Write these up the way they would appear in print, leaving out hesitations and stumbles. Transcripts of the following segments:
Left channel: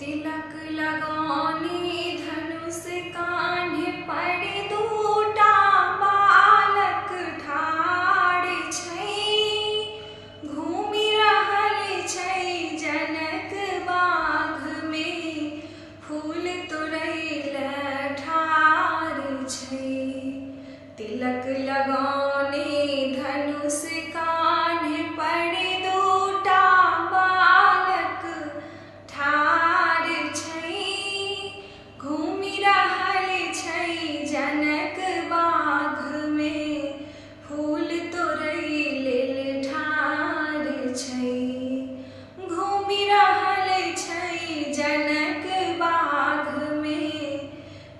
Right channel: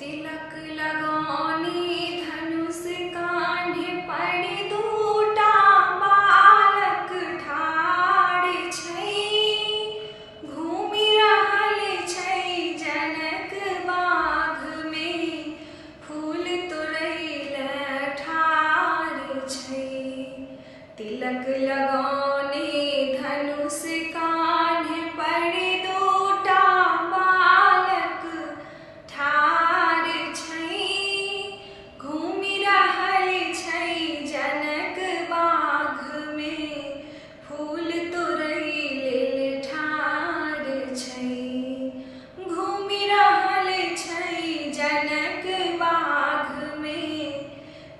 तिलक लगाने धनुष कान्हे पर दूटा बालक ठाढ़ छै। घूमि रहल छै जनक बाग में, फूल तोड़ैले ठाढ़ छै। तिलक लगाने धनुष कान्हे पर दूटा बालक ठाढ़ छै। घूमि रहल छै जनक बाग में, फूल तोड़ै लेल ठाढ़ छै। घूमि रहल छै जनक बाग में,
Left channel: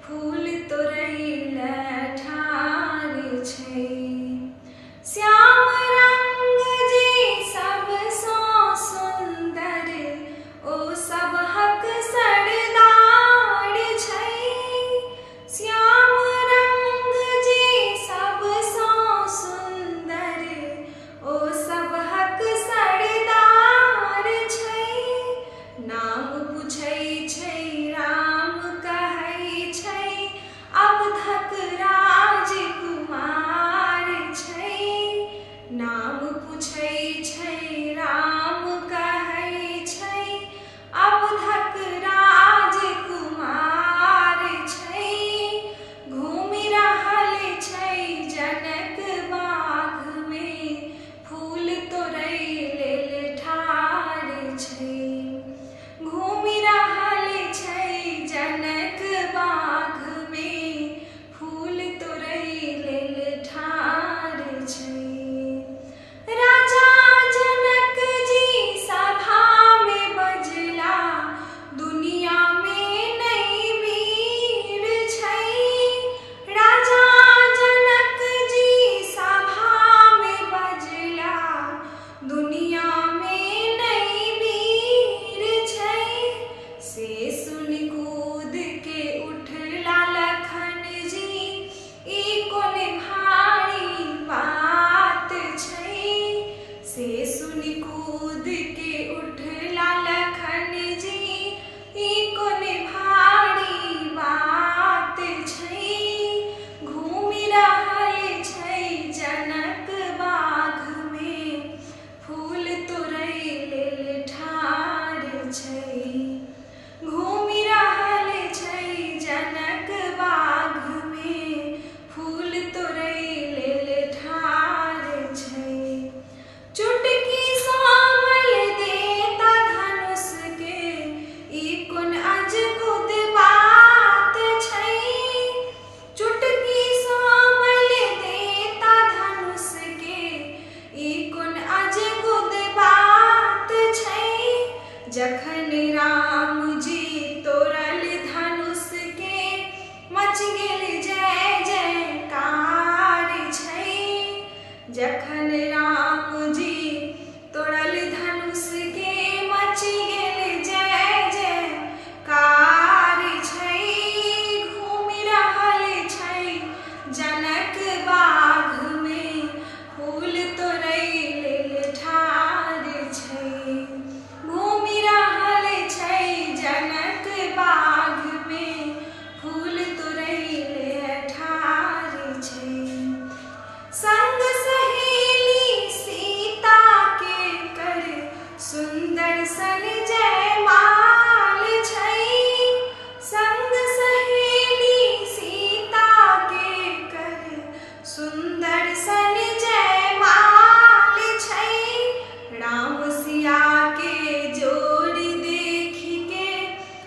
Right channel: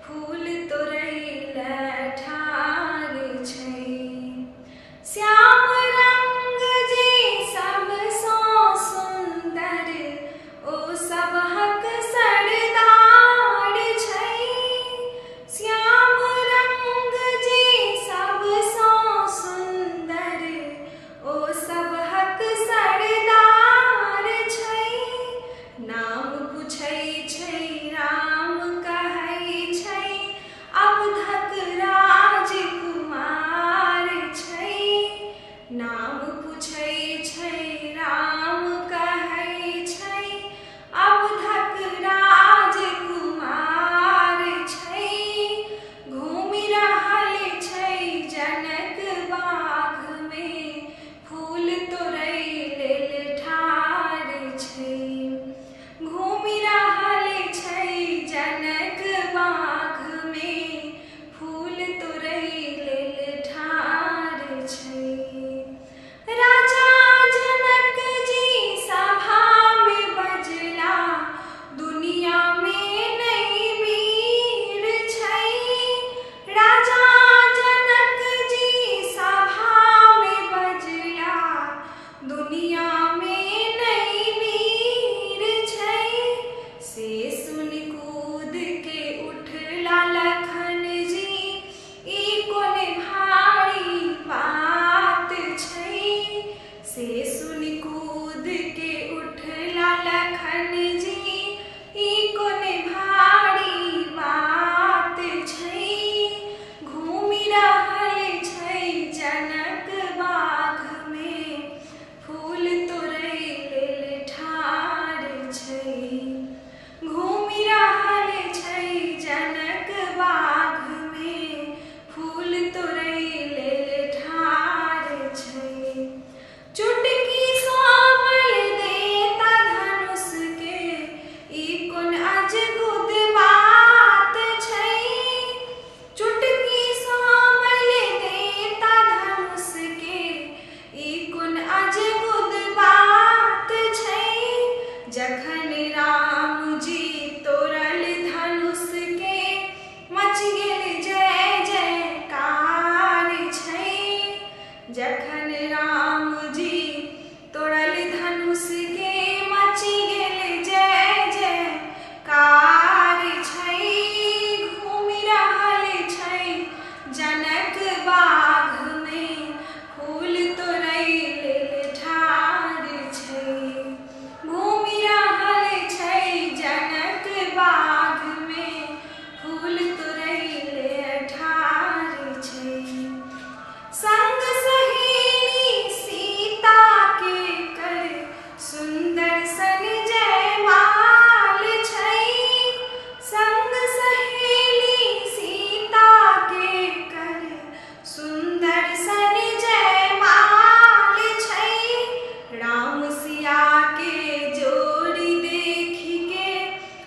फूल तोड़ैले ठाढ़ छै। श्याम रंग जे सबसँ सुन्दर, ओ सबहक सरदार छै। श्याम रंग जे सबसँ सुन्दर, ओ सबहक सरदार छै। नाम पूछै छै राम कहै छै, अवधक राजकुमार छै। नाम पूछै छै राम कहै छै, अवधक राजकुमार छै। घूमि रहल छै जनक बाग में, फूल तोड़ै लेल ठाढ़ छै। घूमि रहल छै जनक बाग में, फूल तोड़ै लेल ठाढ़ छै। राजा जनक जी सभा में बजला, दुनिया में नहीं वीर छै। राजा जनक जी सभा में बजला, दुनिया में नहीं वीर छै। से सुनि कूद के उठला लखन जी, ई कोन भारी बात छै। से सुनि कूद के उठला लखन जी, ई कोन भारी बात छै। घूमि रहल छै जनक बाग में, फूल तोड़ै लेल ठाढ़ छै। घूमि रहल छै जनक बाग में, फूल तोड़ै लेल ठाढ़ छै। चुटकी सामल देता धनुष के, ई कोन अजगुद बात छै। चुटकी सामल देता धनुष के, ई कोन अजगुद बात छै। जखन राम जी तोड़ल धनुष के, मच गेल जय जयकार छै। जखन राम जी तोड़ल धनुष के, मच गेल जय जयकार छै। घूमि रहल छै जनक बाग में, फूल तोड़ै लेल ठाढ़ छै। घूमि रहल छै जनक बाग में, फूल तोड़ै लेल ठाढ़ छै। संग सहेली सीता के कर, सुंदर सन जयमाल छै। संग सहेली सीता के कर, सुंदर सन जयमाल छै। राम सिया के जोड़ी देखि के,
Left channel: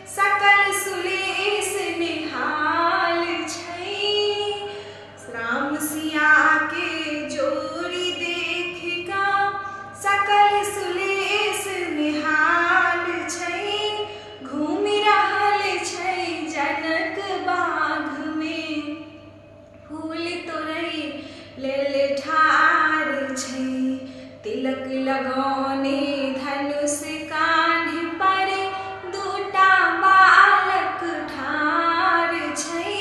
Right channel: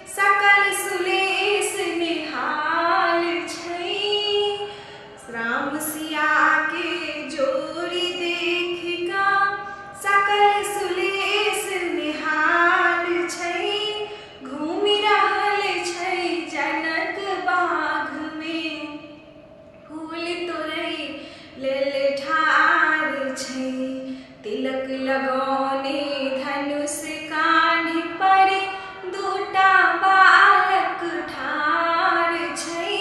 सकल सुलेस निहाल छै। राम सिया के जोड़ी देख का, सकल सुलेस निहाल छै। घूमि रहल छै जनक बाग में, फूल तोड़ै लेल ठाढ़ छै। तिलक लगाने धनुष कान्हे पर, दूटा बालक ठाढ़ छै।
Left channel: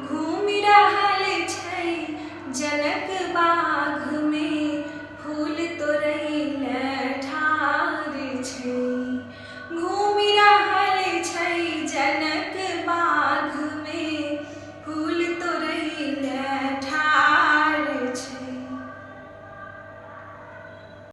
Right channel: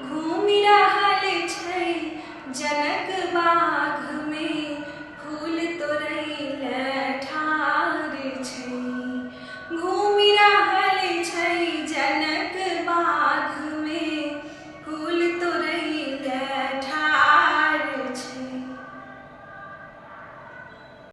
घूमि रहल छै जनक बाग में, फूल तोड़ै लेल ठाढ़ छै।